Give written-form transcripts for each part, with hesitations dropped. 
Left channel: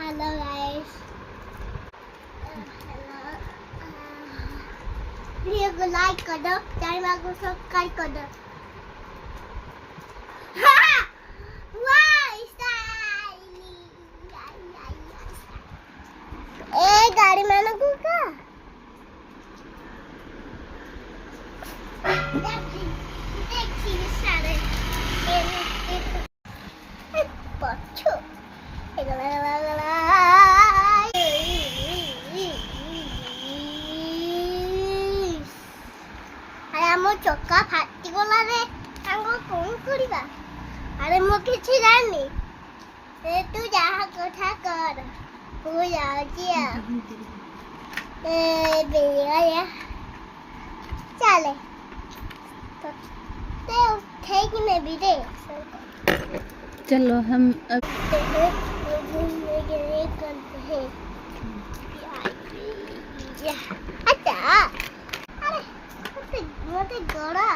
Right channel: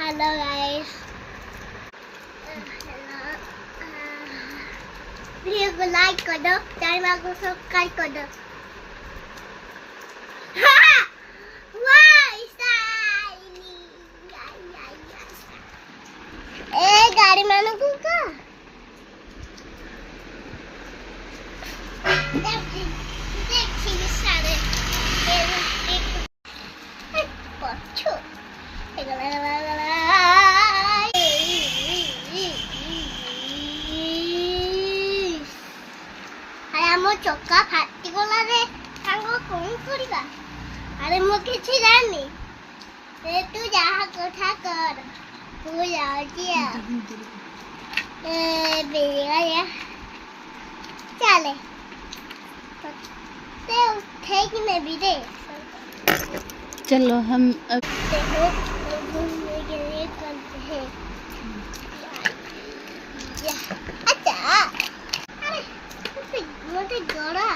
Hello guys. Video को like कर दो, चैनल को सब्सक्राइब कर दो। ए गाड़ी मानो को का देखी सारे पछो ଆମ ଚକା ଫାଟିଗଲା ରେ ସାଙ୍ଗ କଣ କରିବା ଆରେ ମୁଁ କିଛି ଜାଣିନି ତୁ ଯାହା କଥା କର ମୁଁ ଯାଉଛି ବେରିया ଚାଲେ ते उठे कि मैं भी दे चलो हम अब घूमने के लिए चलते हैं। अच्छा अरे मोटे गड़ा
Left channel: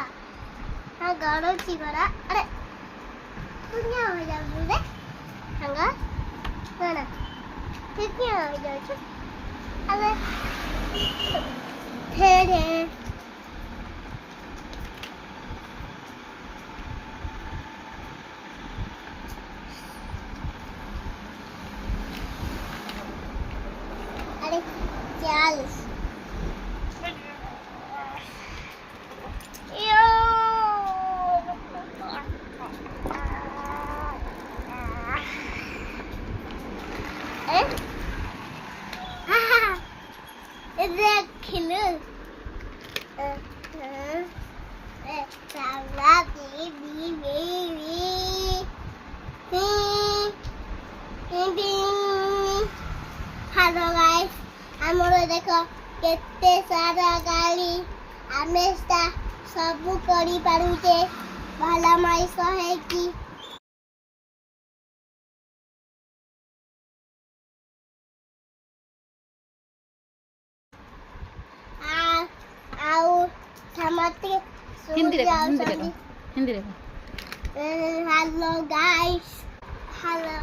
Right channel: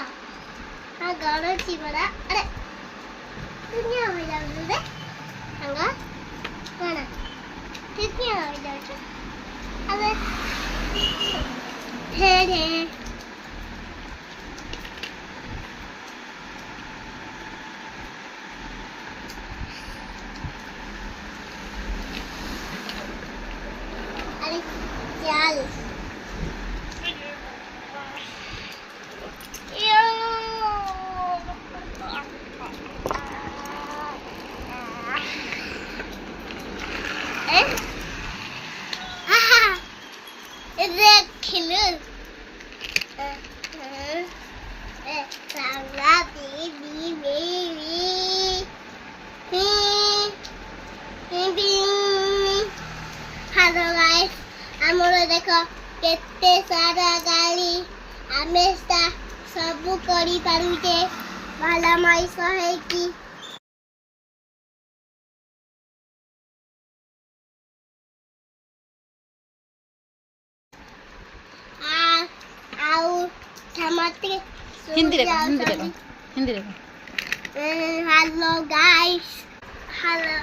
हाँ गड़ा ची बड़ा अरे दुनिया हो जाओ रे हंगा गड़ा कितनी हो जाओ अरे ठेरे चल हेलो गाइस ଆମର ଦେଖ କେତେ ସାରା ଗାଳି ଆମେ ସବୁ କରି ପାରୁଛେ ଭଲ ମଣିଷ ହେଇକି ଆଉ ସମସ୍ତେ हिंदी रे हिंदी रे हेलो गाइस हेलो